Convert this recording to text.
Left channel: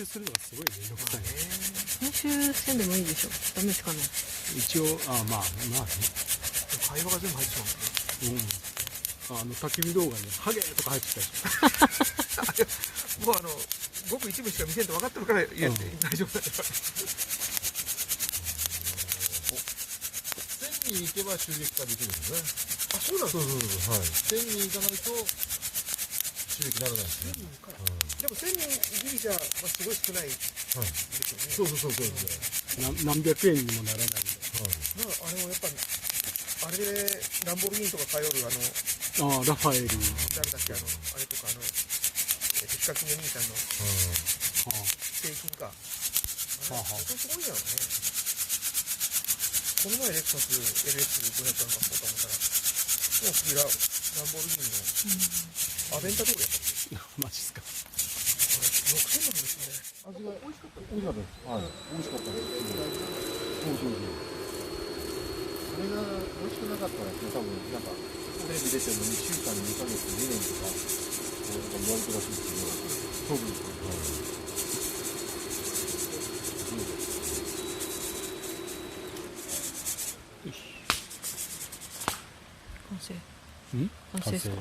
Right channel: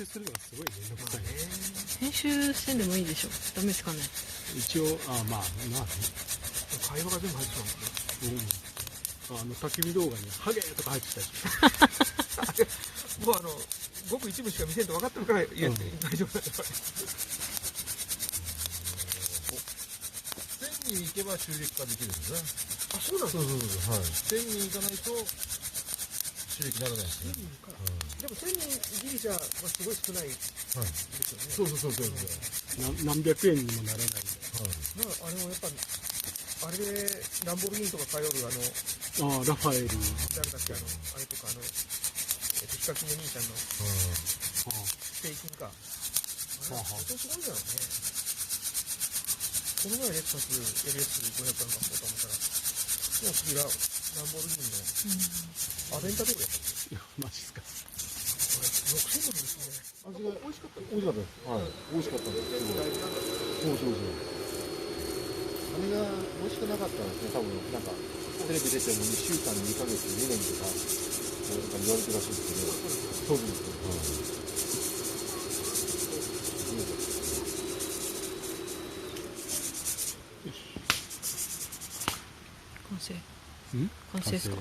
集するのがすごいめんどくさい。編集せんでもいいでしょ。ダメですかね。一応、まあ、会話が全部入ってますね。焚き火動画にハゲとか入ってたり。もうごく一部しか見せんと分かってるから言えて大丈夫だよ。1000人行けば収益化できるんですね。あ、そうなんですか。はい。1000人行かないと収益ならないですね。1000人から。でも1000人ギリじゃ、すごい少ないですよね。そう。何百円にもならないんで。やっぱあれでランボルギーニとか通るラファエル。誰だっけ、あれとかヒカキンの兄さんの製品か。あれは本当にすごいんだろうね。この前レクサス LS500 なんか買おうと思ったら、もう次ランボルギーニのアベンタドールやったっけ。マジっすか。これ6000ドルですね。味が美味しかったです。はい。美味しかったです。そう。それが美味しくなかったら、多分なんかテレビ出ても2週間、2ヶ月、2年とか言われてるらしいですけど、そうですよ。完成。完成完成ですか。